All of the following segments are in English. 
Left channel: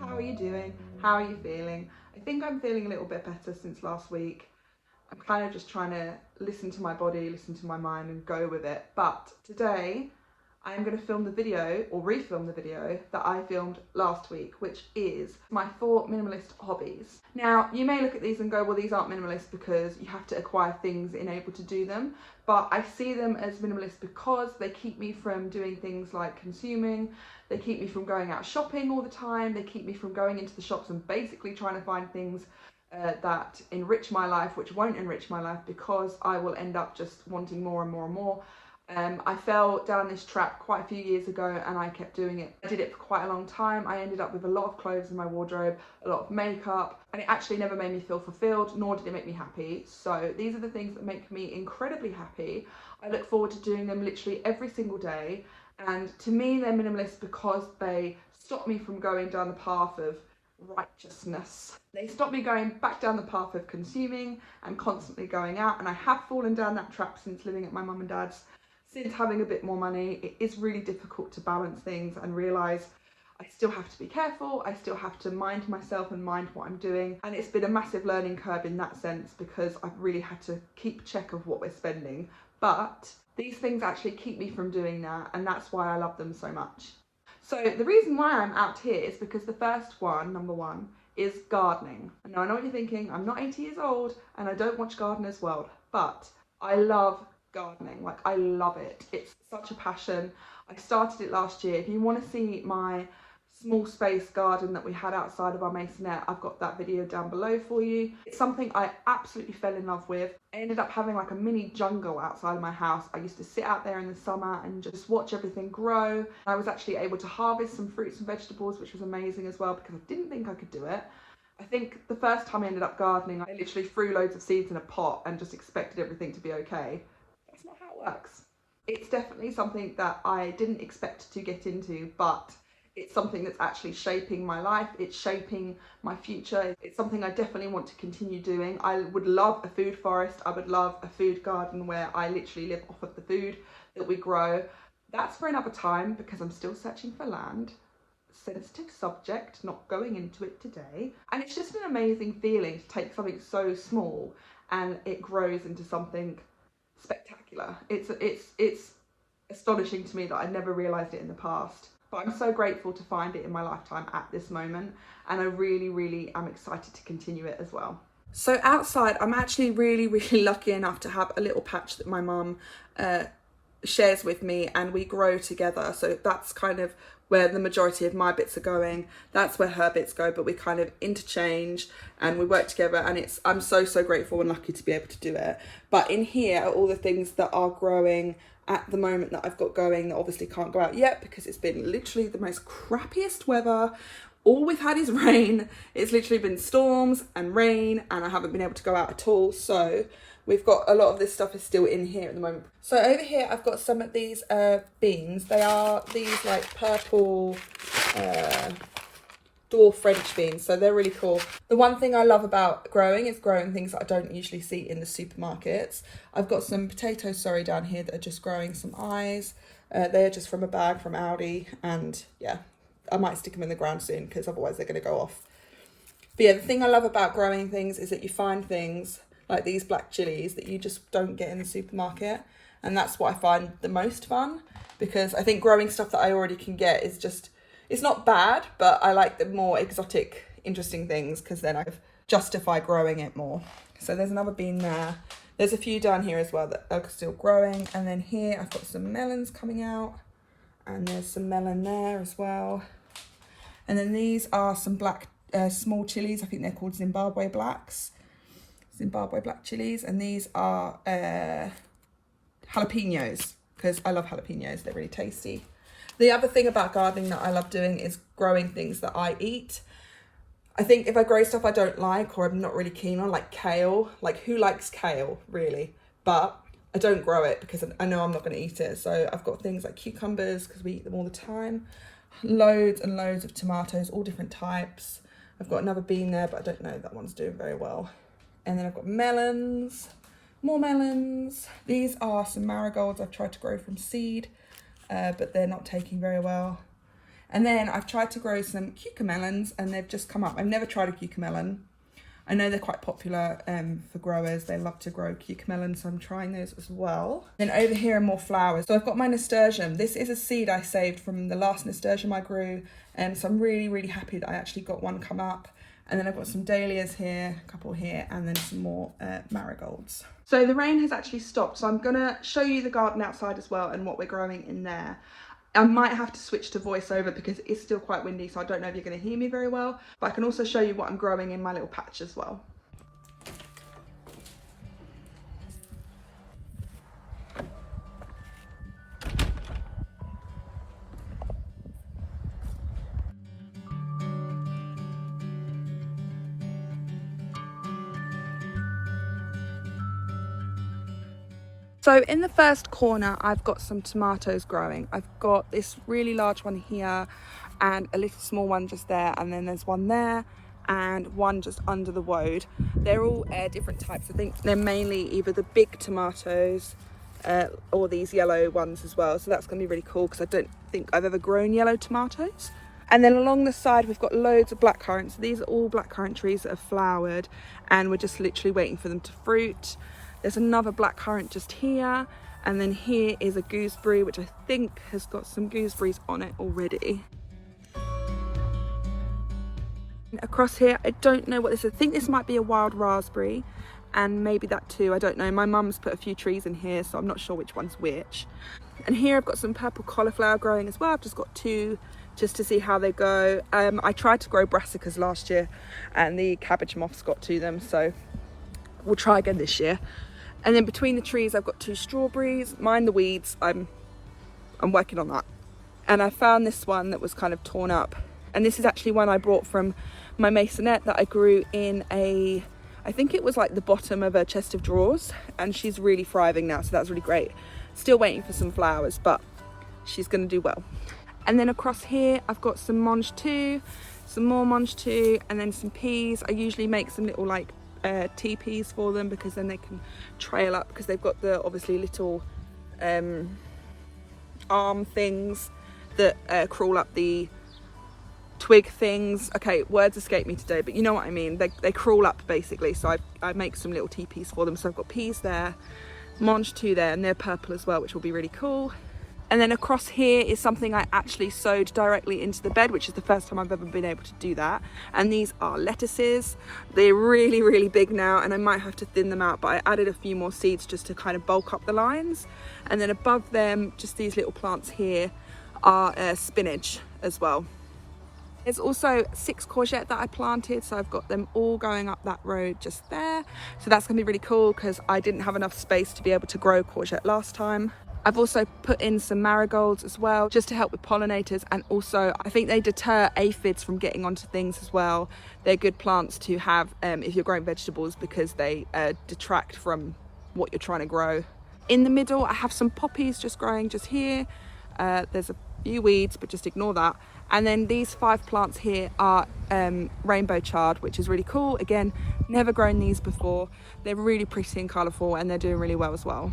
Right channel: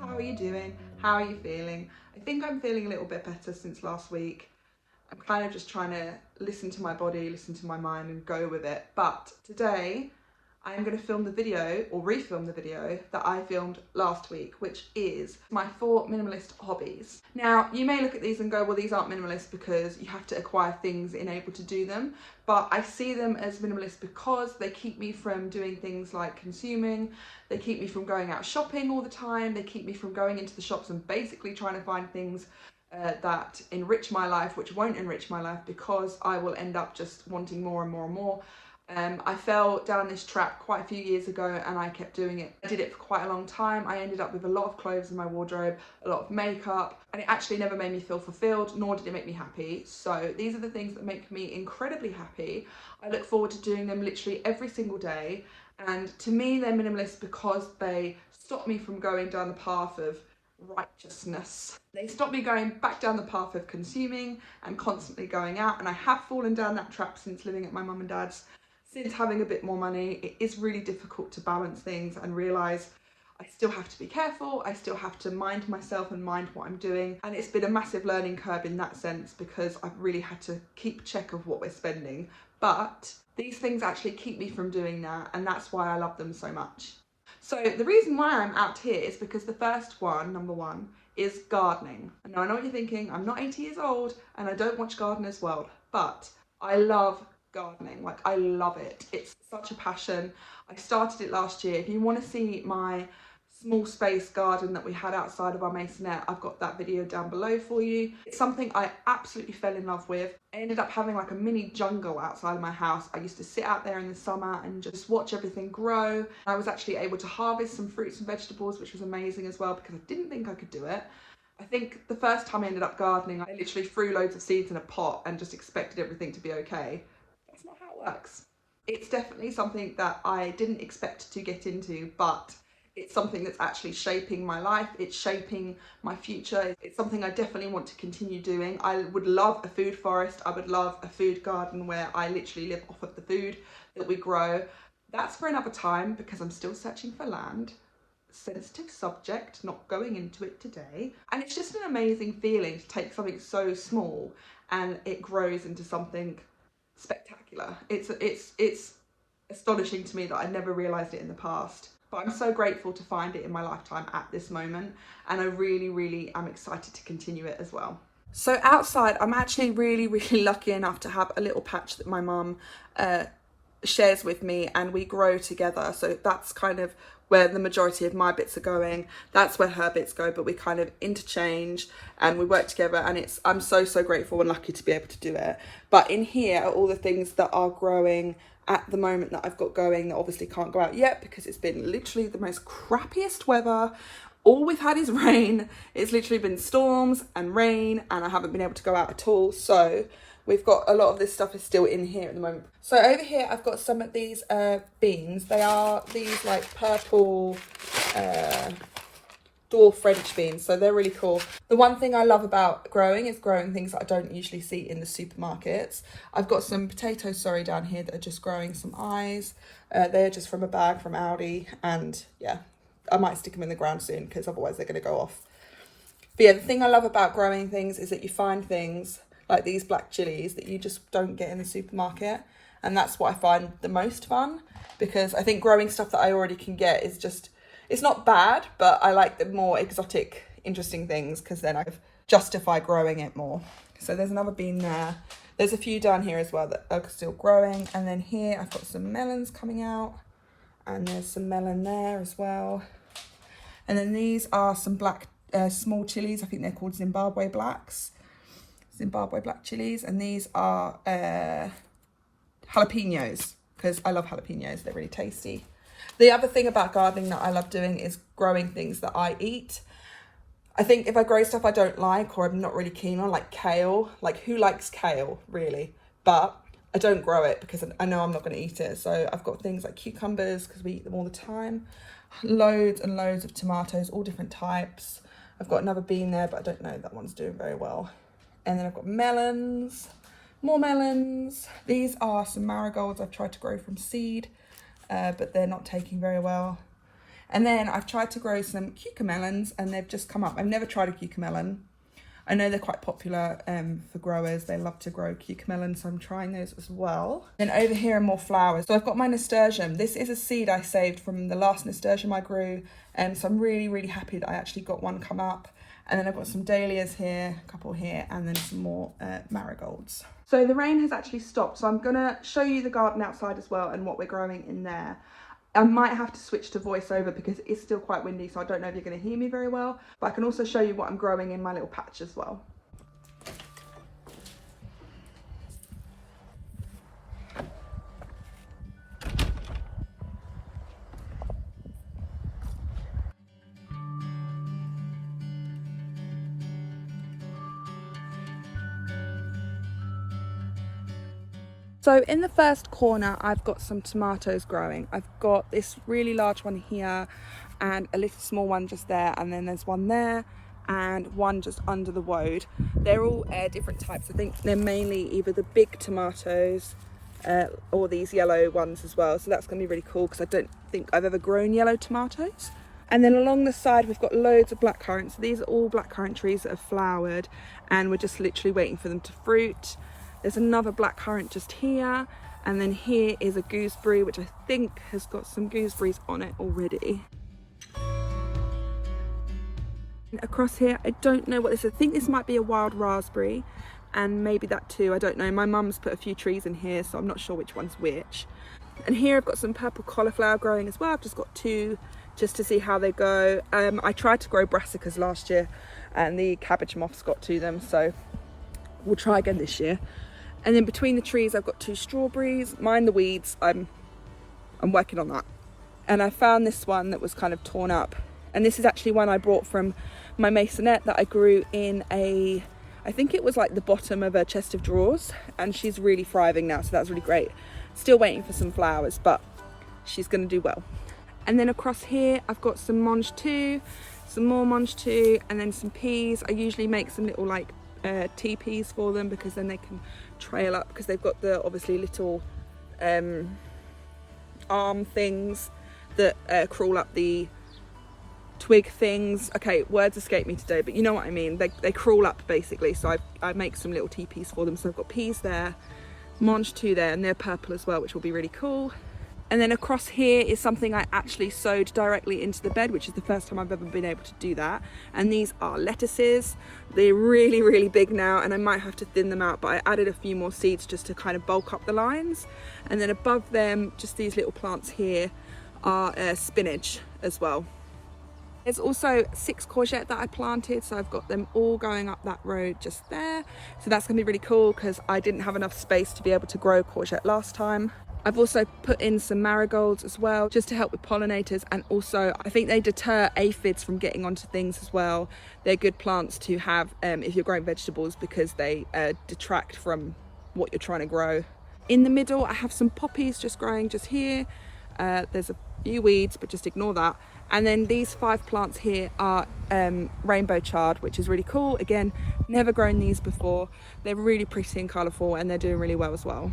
how are you doing? How are you feeling? I think I'm feeling a little bit better since last week. I'm kind of just trying to listen to my body, listen to my mind and go with it. But today I'm going to film the video or refilm the video that I filmed last week, which is my 4 minimalist hobbies. Now, you may look at these and go, well, these aren't minimalist because you have to acquire things in order to do them. But I see them as minimalist because they keep me from doing things like consuming. They keep me from going out shopping all the time. They keep me from going into the shops and basically trying to find things that enrich my life, which won't enrich my life because I will end up just wanting more and more and more. I fell down this trap quite a few years ago and I kept doing it. I did it for quite a long time. I ended up with a lot of clothes in my wardrobe, a lot of makeup, and it actually never made me feel fulfilled, nor did it make me happy. So these are the things that make me incredibly happy. I look forward to doing them literally every single day. And to me, they're minimalist because they stop me from going down the path of righteousness. They stop me going back down the path of consuming and constantly going out. And I have fallen down that trap since living at my mum and dad's. Since having a bit more money, it is really difficult to balance things and realise I still have to be careful, I still have to mind myself and mind what I'm doing. And it's been a massive learning curve in that sense because I've really had to keep check of what we're spending. But these things actually keep me from doing that, and that's why I love them so much. So the reason why I'm out here is because the first one, number one, is gardening. And now I know what you're thinking, I'm not 80 years old and I don't watch Gardener's World, but I love gardening. Like, I love it. It's such a passion. I started it last year. If you want to see my small space garden that we had outside of our masonette, I've got that video down below for you. It's something I absolutely fell in love with. I ended up having like a mini jungle outside of my house. I used to sit out there in the summer and just watch everything grow. I was actually able to harvest some fruits and vegetables, which was amazing as well because I didn't think I could do it. I think the first time I ended up gardening, I literally threw loads of seeds in a pot and just expected everything to be okay. That's not how it works. It's definitely something that I didn't expect to get into, but it's something that's actually shaping my life. It's shaping my future. It's something I definitely want to continue doing. I would love a food forest. I would love a food garden where I literally live off of the food that we grow. That's for another time because I'm still searching for land. Sensitive subject, not going into it today. And it's just an amazing feeling to take something so small and it grows into something spectacular. It's astonishing to me that I never realised it in the past. But I'm so grateful to find it in my lifetime at this moment, and I really am excited to continue it as well. So outside, I'm actually really lucky enough to have a little patch that my mum shares with me and we grow together. So that's kind of where the majority of my bits are going. That's where her bits go, but we kind of interchange and we work together, and I'm so grateful and lucky to be able to do it. But in here are all the things that are growing at the moment that I've got going that obviously can't go out yet because it's been literally the most crappiest weather. All we've had is rain. It's literally been storms and rain and I haven't been able to go out at all. So we've got a lot of this stuff is still in here at the moment. So over here I've got some of these beans. They are these like purple dwarf French beans, so they're really cool. The one thing I love about growing is growing things that I don't usually see in the supermarkets. I've got some potatoes, down here that are just growing some eyes. They're just from a bag from Aldi, and yeah, I might stick them in the ground soon because otherwise they're going to go off. But yeah, the thing I love about growing things is that you find things like these black chilies that you just don't get in the supermarket, and that's what I find the most fun, because I think growing stuff that I already can get is just, it's not bad, but I like the more exotic, interesting things because then I justify growing it more. So there's another bean there. There's a few down here as well that are still growing. And then here I've got some melons coming out, and there's some melon there as well. And then these are some black small chilies. I think they're called Zimbabwe blacks. Zimbabwe black chilies. And these are jalapenos because I love jalapenos. They're really tasty. The other thing about gardening that I love doing is growing things that I eat. I think if I grow stuff I don't like or I'm not really keen on, like kale, like who likes kale really? But I don't grow it because I know I'm not going to eat it. So I've got things like cucumbers because we eat them all the time. Loads and loads of tomatoes, all different types. I've got another bean there, but I don't know, that one's doing very well. And then I've got melons, more melons. These are some marigolds I've tried to grow from seed. But they're not taking very well. And then I've tried to grow some cucamelons and they've just come up. I've never tried a cucamelon. I know they're quite popular for growers. They love to grow cucamelons, so I'm trying those as well. Then over here are more flowers. So I've got my nasturtium. This is a seed I saved from the last nasturtium I grew, and so I'm really, really happy that I actually got one come up. And then I've got some dahlias here, a couple here, and then some more marigolds. So the rain has actually stopped, so I'm gonna show you the garden outside as well and what we're growing in there. I might have to switch to voiceover because it's still quite windy, so I don't know if you're going to hear me very well, but I can also show you what I'm growing in my little patch as well. So in the first corner, I've got some tomatoes growing. I've got this really large one here and a little small one just there, and then there's one there and one just under the woad. They're all different types. I think they're mainly either the big tomatoes or these yellow ones as well. So that's going to be really cool because I don't think I've ever grown yellow tomatoes. And then along the side, we've got loads of blackcurrants. These are all blackcurrant trees that have flowered and we're just literally waiting for them to fruit. There's another blackcurrant just here, and then here is a gooseberry, which I think has got some gooseberries on it already. And across here, I don't know what this is. I think this might be a wild raspberry, and maybe that too, I don't know. My mum's put a few trees in here, so I'm not sure which one's which. And here I've got some purple cauliflower growing as well. I've just got two just to see how they go. I tried to grow brassicas last year, and the cabbage moths got to them, so we'll try again this year. And then between the trees, I've got two strawberries. Mind the weeds, I'm working on that. And I found this one that was kind of torn up. And this is actually one I brought from my maisonette that I grew in I think it was like the bottom of a chest of drawers. And she's really thriving now, so that's really great. Still waiting for some flowers, but she's gonna do well. And then across here, I've got some mange too, some more mange too, and then some peas. I usually make some little like teepees for them because then they can trail up, because they've got the obviously little arm things that crawl up the twig things. Okay, words escape me today, but you know what I mean. They crawl up basically, so I make some little teepees for them. So I've got peas there, mange too there, and they're purple as well, which will be really cool. And then across here is something I actually sowed directly into the bed, which is the first time I've ever been able to do that. And these are lettuces. They're really, really big now, and I might have to thin them out, but I added a few more seeds just to kind of bulk up the lines. And then above them, just these little plants here are spinach as well. There's also 6 courgette that I planted, so I've got them all going up that road just there. So that's gonna be really cool because I didn't have enough space to be able to grow courgette last time. I've also put in some marigolds as well, just to help with pollinators, and also I think they deter aphids from getting onto things as well. They're good plants to have if you're growing vegetables because they detract from what you're trying to grow. In the middle, I have some poppies just growing just here. There's a few weeds, but just ignore that. And then these 5 plants here are rainbow chard, which is really cool. Again, never grown these before. They're really pretty and colourful, and they're doing really well as well.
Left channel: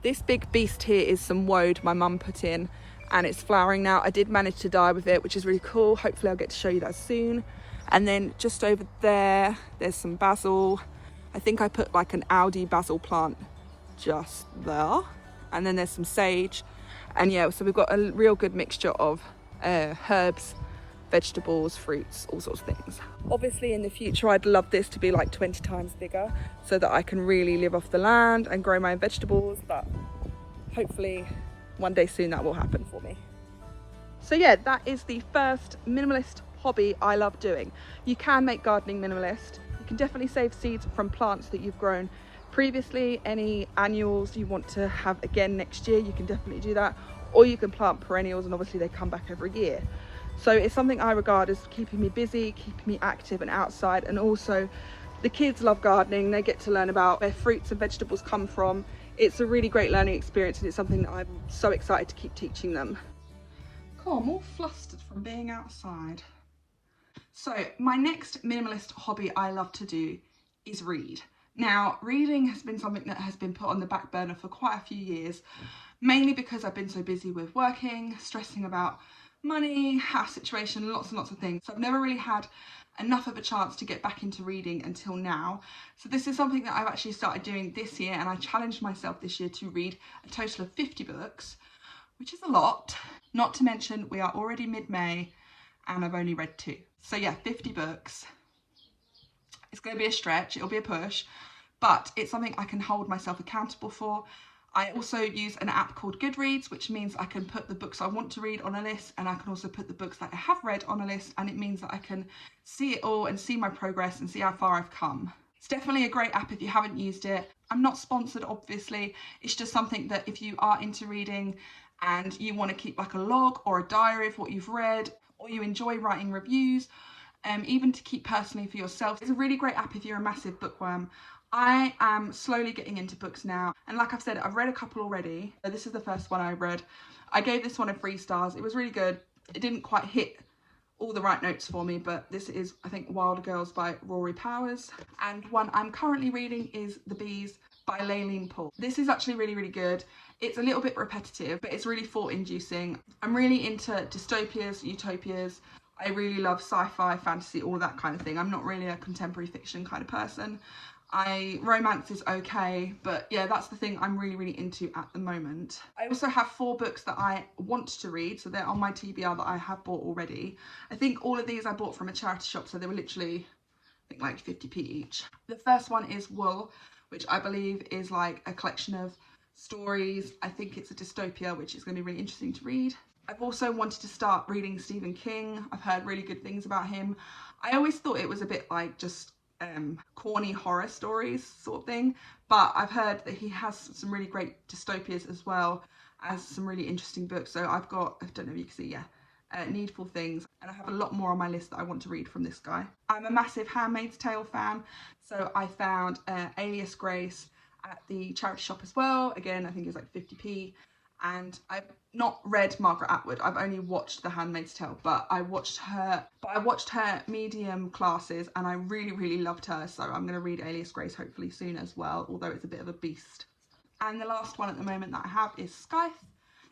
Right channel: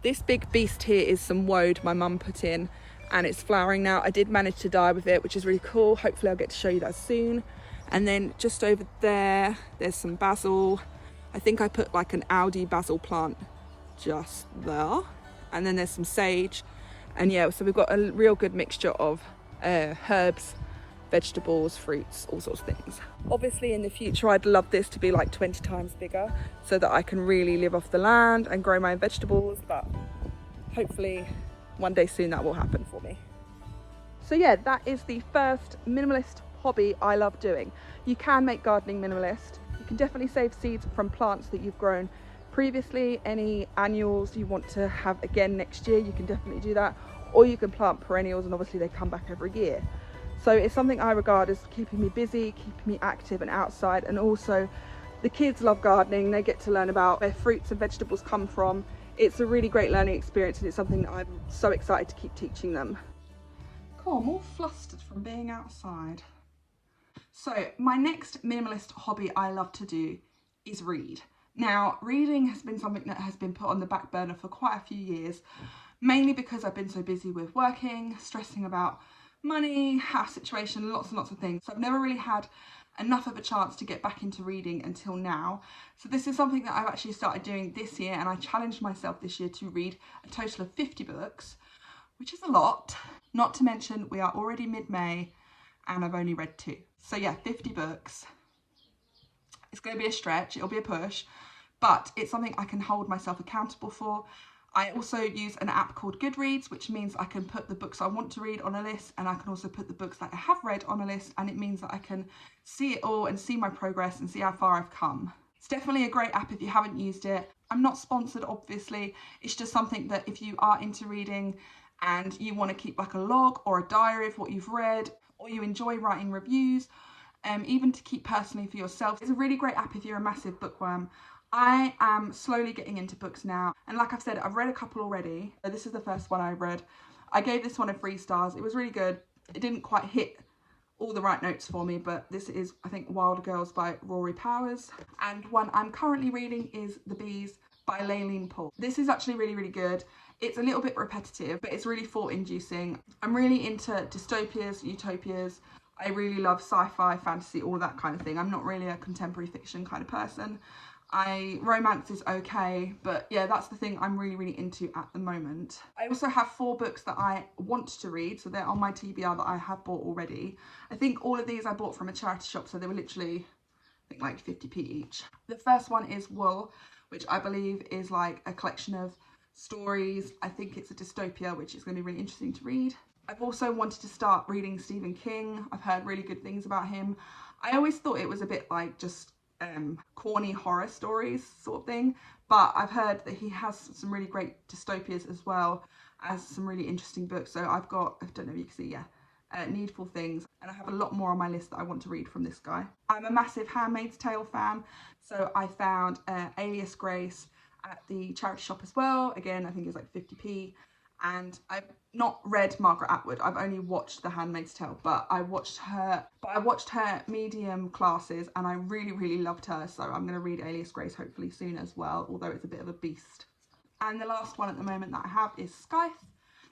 This big beast here is some woad my mum put in, and it's flowering now. I did manage to dye with it, which is really cool. Hopefully I'll get to show you that soon. And then just over there, there's some basil. I think I put like an Audi basil plant just there. And then there's some sage. And yeah, so we've got a real good mixture of herbs, vegetables, fruits, all sorts of things. Obviously in the future I'd love this to be like 20 times bigger so that I can really live off the land and grow my own vegetables, but hopefully one day soon that will happen for me. So yeah, that is the first minimalist hobby I love doing. You can make gardening minimalist. You can definitely save seeds from plants that you've grown previously. Any annuals you want to have again next year, you can definitely do that, or you can plant perennials and obviously they come back every year. So it's something I regard as keeping me busy, keeping me active and outside, and also the kids love gardening. They get to learn about where fruits and vegetables come from. It's a really great learning experience, and it's something that I'm so excited to keep teaching them. Cool, I'm all flustered from being outside. So my next minimalist hobby I love to do is read. Now, reading has been something that has been put on the back burner for quite a few years, mainly because I've been so busy with working, stressing about money, house situation, lots and lots of things. So I've never really had enough of a chance to get back into reading until now. So this is something that I've actually started doing this year, and I challenged myself this year to read a total of 50 books, which is a lot. Not to mention we are already mid-May and I've only read 2. So yeah, 50 books. It's going to be a stretch, it'll be a push, but it's something I can hold myself accountable for. I also use an app called Goodreads, which means I can put the books I want to read on a list, and I can also put the books that I have read on a list, and it means that I can see it all and see my progress and see how far I've come. It's definitely a great app if you haven't used it. I'm not sponsored, obviously. It's just something that if you are into reading and you want to keep like a log or a diary of what you've read, or you enjoy writing reviews, even to keep personally for yourself. It's a really great app if you're a massive bookworm. I am slowly getting into books now, and like I've said, I've read a couple already. This is the first one I read. I gave this one a 3 stars. It was really good. It didn't quite hit all the right notes for me, but this is, I think, Wild Girls by Rory Powers. And one I'm currently reading is The Bees by Layleen Paul. This is actually really, really good. It's a little bit repetitive, but it's really thought-inducing. I'm really into dystopias, utopias. I really love sci-fi, fantasy, all that kind of thing. I'm not really a contemporary fiction kind of person. Romance is okay, but yeah, that's the thing I'm really, really into at the moment. I also have 4 books that I want to read, so they're on my TBR that I have bought already. I think all of these I bought from a charity shop, so they were literally, I think, like 50p each. The first one is Wool, which I believe is like a collection of stories. I think it's a dystopia, which is going to be really interesting to read. I've also wanted to start reading Stephen King. I've heard really good things about him. I always thought it was a bit like just corny horror stories sort of thing, but I've heard that he has some really great dystopias as well as some really interesting books. So I've got, I don't know if you can see, Needful Things, and I have a lot more on my list that I want to read from this guy. I'm a massive Handmaid's Tale fan, so I found Alias Grace at the charity shop as well. Again, I think it was like 50p. And I've not read Margaret Atwood. I've only watched The Handmaid's Tale, but I watched her Medium classes, and I really, really loved her. So I'm going to read Alias Grace hopefully soon as well, although it's a bit of a beast. And the last one at the moment that I have is Scythe.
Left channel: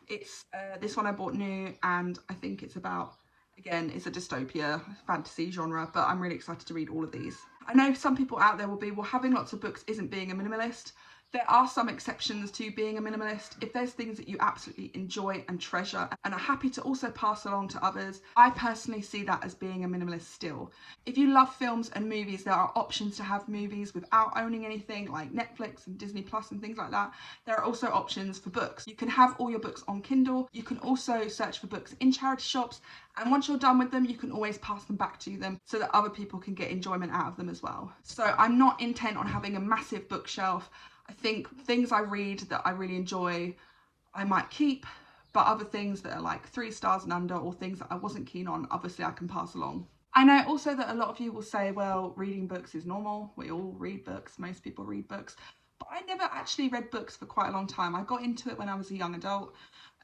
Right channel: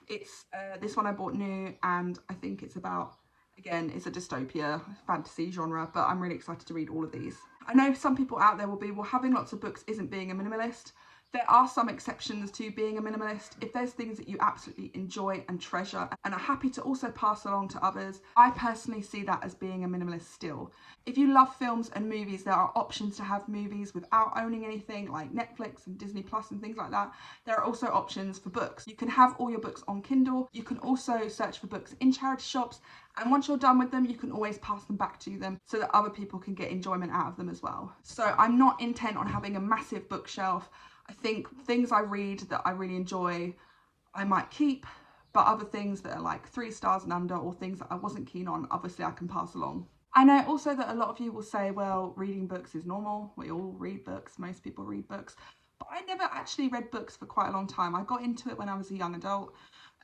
It's this one I bought new, and I think it's about, again, it's a dystopia fantasy genre, but I'm really excited to read all of these. I know some people out there will be, well, having lots of books isn't being a minimalist. There are some exceptions to being a minimalist. If there's things that you absolutely enjoy and treasure and are happy to also pass along to others, I personally see that as being a minimalist still. If you love films and movies, there are options to have movies without owning anything, like Netflix and Disney Plus and things like that. There are also options for books. You can have all your books on Kindle. You can also search for books in charity shops, and once you're done with them, you can always pass them back to them so that other people can get enjoyment out of them as well. So I'm not intent on having a massive bookshelf. I think things I read that I really enjoy, I might keep, but other things that are like 3 stars and under, or things that I wasn't keen on, obviously I can pass along. I know also that a lot of you will say, well, reading books is normal. We all read books. Most people read books. But I never actually read books for quite a long time. I got into it when I was a young adult.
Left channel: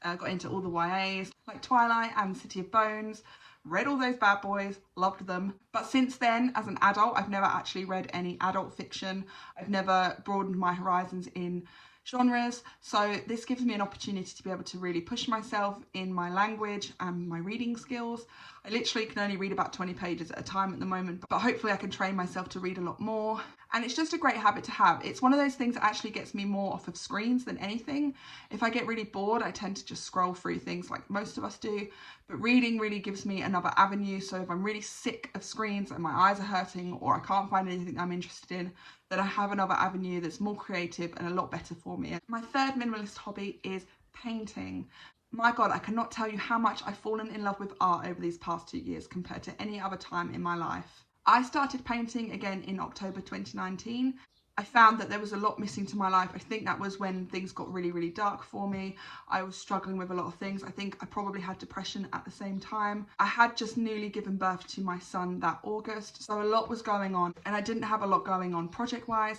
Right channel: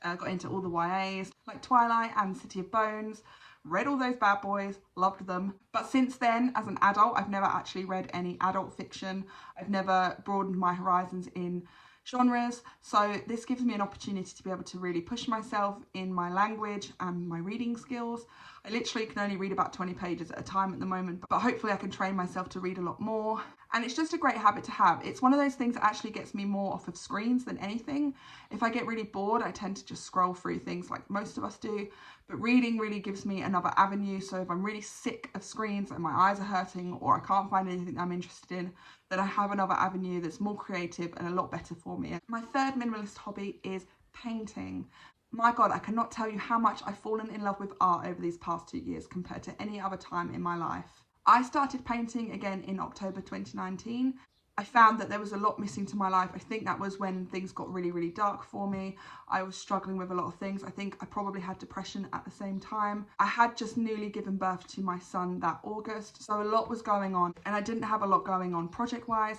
I got into all the YAs, like Twilight and City of Bones. Read all those bad boys, loved them. But since then, as an adult, I've never actually read any adult fiction. I've never broadened my horizons in genres. So this gives me an opportunity to be able to really push myself in my language and my reading skills. I literally can only read about 20 pages at a time at the moment, but hopefully I can train myself to read a lot more. And it's just a great habit to have. It's one of those things that actually gets me more off of screens than anything. If I get really bored, I tend to just scroll through things like most of us do. But reading really gives me another avenue. So if I'm really sick of screens and my eyes are hurting, or I can't find anything I'm interested in, then I have another avenue that's more creative and a lot better for me. My third minimalist hobby is painting. My God, I cannot tell you how much I've fallen in love with art over these past 2 years compared to any other time in my life. I started painting again in October 2019. I found that there was a lot missing to my life. I think that was when things got really, really dark for me. I was struggling with a lot of things. I think I probably had depression at the same time. I had just newly given birth to my son that August, so a lot was going on, and I didn't have a lot going on project-wise.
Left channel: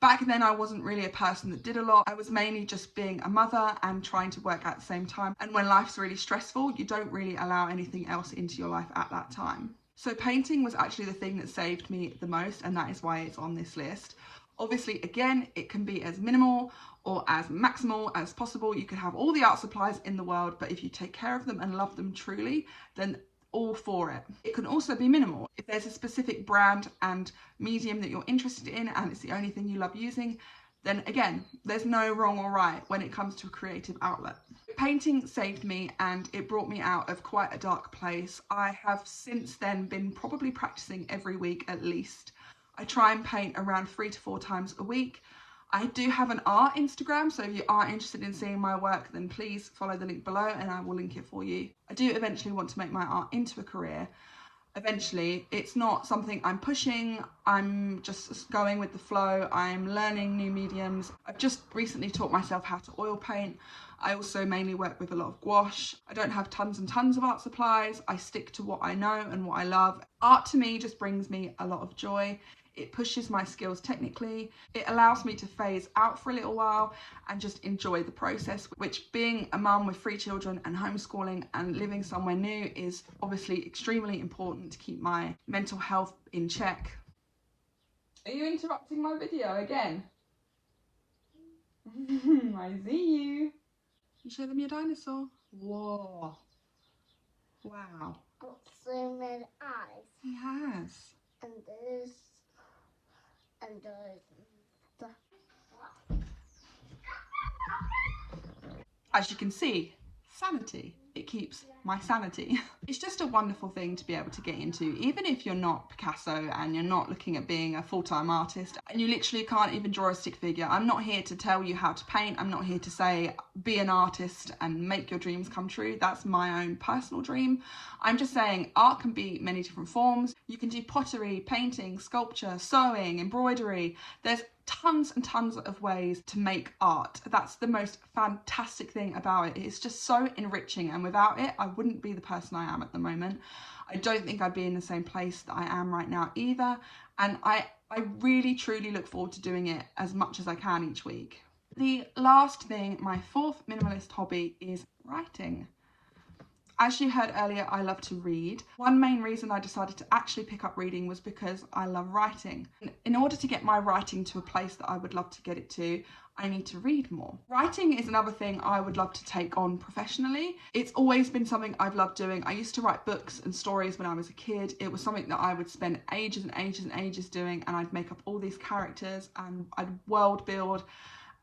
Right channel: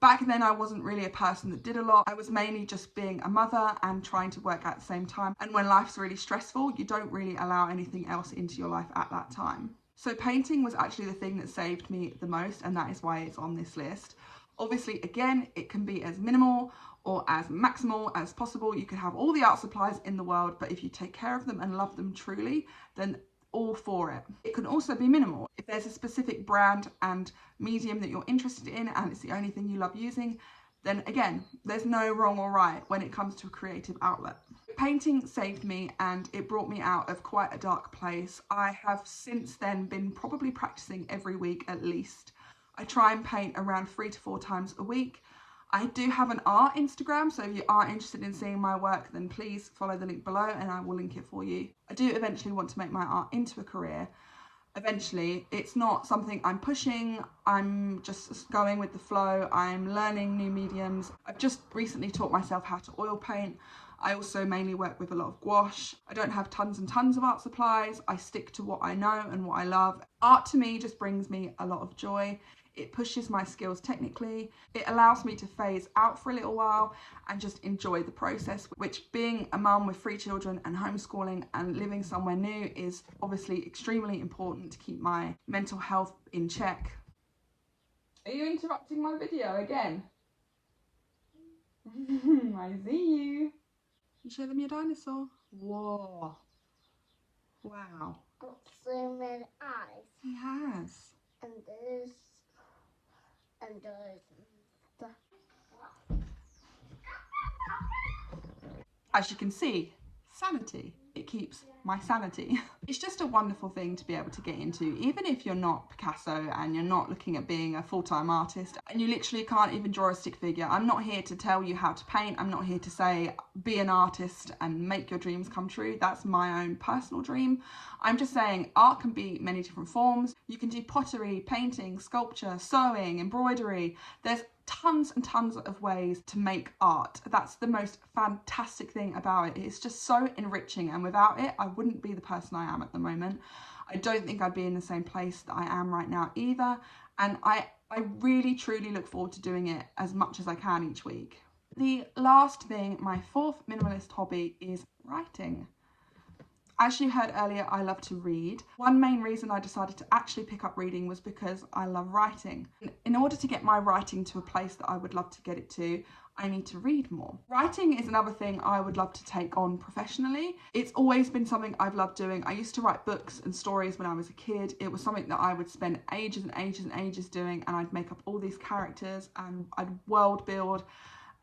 Back then, I wasn't really a person that did a lot. I was mainly just being a mother and trying to work at the same time. And when life's really stressful, you don't really allow anything else into your life at that time. So painting was actually the thing that saved me the most, and that is why it's on this list. Obviously, again, it can be as minimal or as maximal as possible. You can have all the art supplies in the world, but if you take care of them and love them truly, then all for it. It can also be minimal. If there's a specific brand and medium that you're interested in and it's the only thing you love using, then again, there's no wrong or right when it comes to a creative outlet. Painting saved me and it brought me out of quite a dark place. I have since then been probably practicing every week at least. I try and paint around 3 to 4 times a week. I do have an art Instagram, so if you are interested in seeing my work, then please follow the link below and I will link it for you. I do eventually want to make my art into a career. Eventually, it's not something I'm pushing, I'm just going with the flow. I'm learning new mediums. I've just recently taught myself how to oil paint. I also mainly work with a lot of gouache. I don't have tons and tons of art supplies. I stick to what I know and what I love. Art to me just brings me a lot of joy. It pushes my skills technically. It allows me to phase out for a little while and just enjoy the process, which being a mum with 3 children and homeschooling and living somewhere new is obviously extremely important to keep my mental health in check. Are you interrupting my video again? I see you. Show them your dinosaur. Whoa. Wow. Got so many eyes. It has. And there's stuff. As you can see, sanity. It keeps my sanity. It's just a wonderful thing to be able to get into, even if you're not Picasso and you're not looking at being a full-time artist and you literally can't even draw a stick figure. I'm not here to tell you how to paint. I'm not here to say be an artist and make your dreams come true. That's my own personal dream. I'm just saying art can be many different forms. You can do pottery, painting, sculpture, sewing, embroidery. There's tons and tons of ways to make art. That's the most fantastic thing about it. It's just so enriching, and without it I wouldn't be the person I am at the moment. I don't think I'd be in the same place that I am right now either, and I really truly look forward to doing it as much as I can each week. The last thing, my 4th minimalist hobby, is writing. As you heard earlier, I love to read. One main reason I decided to actually pick up reading was because I love writing. In order to get my writing to a place that I would love to get it to, I need to read more. Writing is another thing I would love to take on professionally. It's always been something I've loved doing. I used to write books and stories when I was a kid. It was something that I would spend ages and ages and ages doing, and I'd make up all these characters and I'd world build,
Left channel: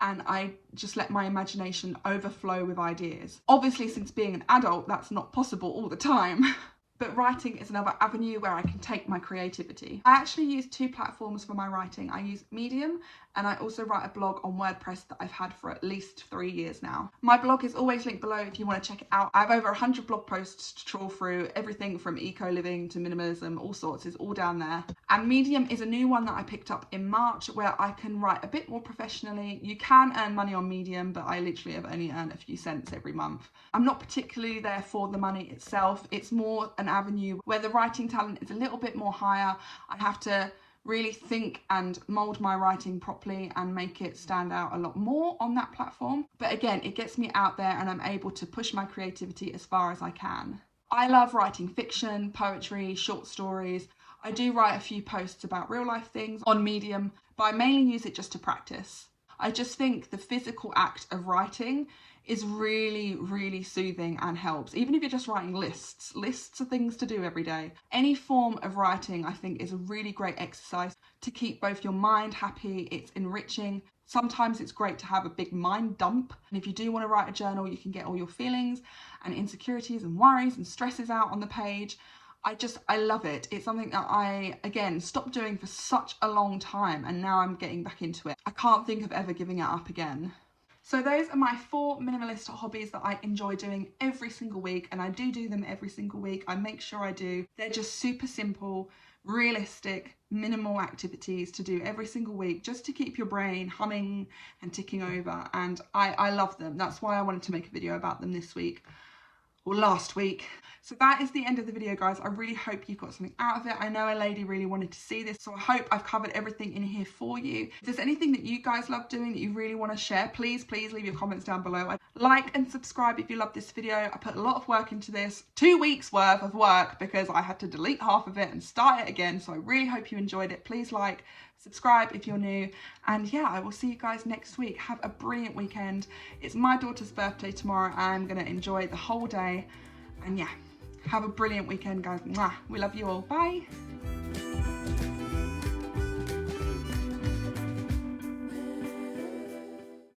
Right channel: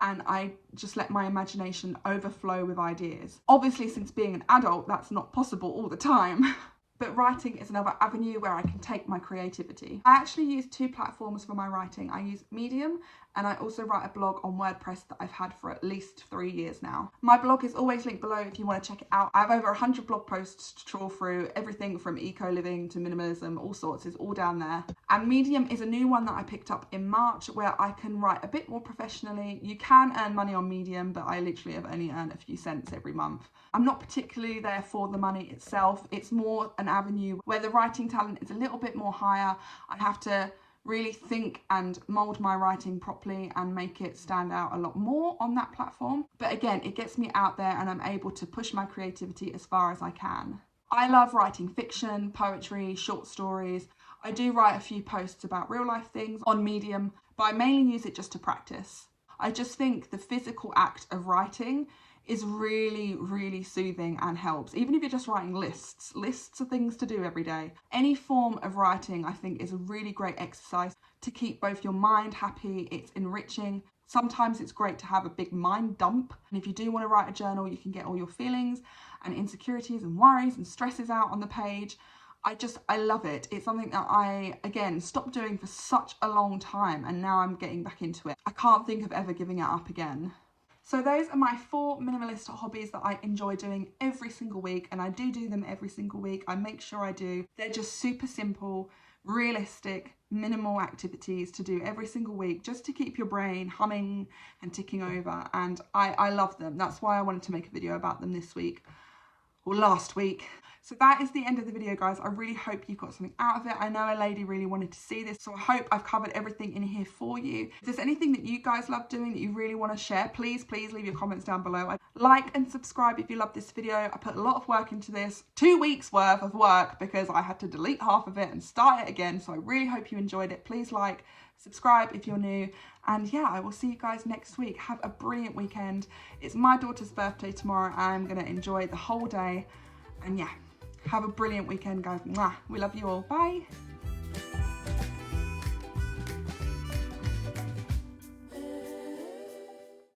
and I just let my imagination overflow with ideas. Obviously, since being an adult, that's not possible all the time. But writing is another avenue where I can take my creativity. I actually use 2 platforms for my writing. I use Medium, and I also write a blog on WordPress that I've had for at least 3 years now. My blog is always linked below if you want to check it out. I have over 100 blog posts to trawl through. Everything from eco-living to minimalism, all sorts, is all down there. And Medium is a new one that I picked up in March, where I can write a bit more professionally. You can earn money on Medium, but I literally have only earned a few cents every month. I'm not particularly there for the money itself. It's more an avenue where the writing talent is a little bit more higher. I have to really think and mould my writing properly and make it stand out a lot more on that platform. But again, it gets me out there and I'm able to push my creativity as far as I can. I love writing fiction, poetry, short stories. I do write a few posts about real life things on Medium, but I mainly use it just to practice. I just think the physical act of writing is really, really soothing and helps. Even if you're just writing lists of things to do every day. Any form of writing, I think, is a really great exercise to keep both your mind happy. It's enriching. Sometimes it's great to have a big mind dump. And if you do want to write a journal, you can get all your feelings and insecurities and worries and stresses out on the page. I love it. It's something that I, again, stopped doing for such a long time, and now I'm getting back into it. I can't think of ever giving it up again. So those are my 4 minimalist hobbies that I enjoy doing every single week, and I do them every single week. I make sure I do. They're just super simple, realistic, minimal activities to do every single week, just to keep your brain humming and ticking over, and I love them. That's why I wanted to make a video about them this week, or last week. So that is the end of the video, guys. I really hope you got something out of it. I know a lady really wanted to see this, so I hope I've covered everything in here for you. If there's anything that you guys love doing that you really want to share, please leave your comments down below. Like and subscribe if you love this video. I put a lot of work into this, 2 weeks worth of work, because I had to delete half of it and start it again. So I really hope you enjoyed it. Please like, subscribe if you're new, and yeah, I will see you guys next week. Have a brilliant weekend. It's my daughter's birthday tomorrow. I'm gonna enjoy the whole day, and yeah, have a brilliant weekend, guys. Mwah. We love you all. Bye.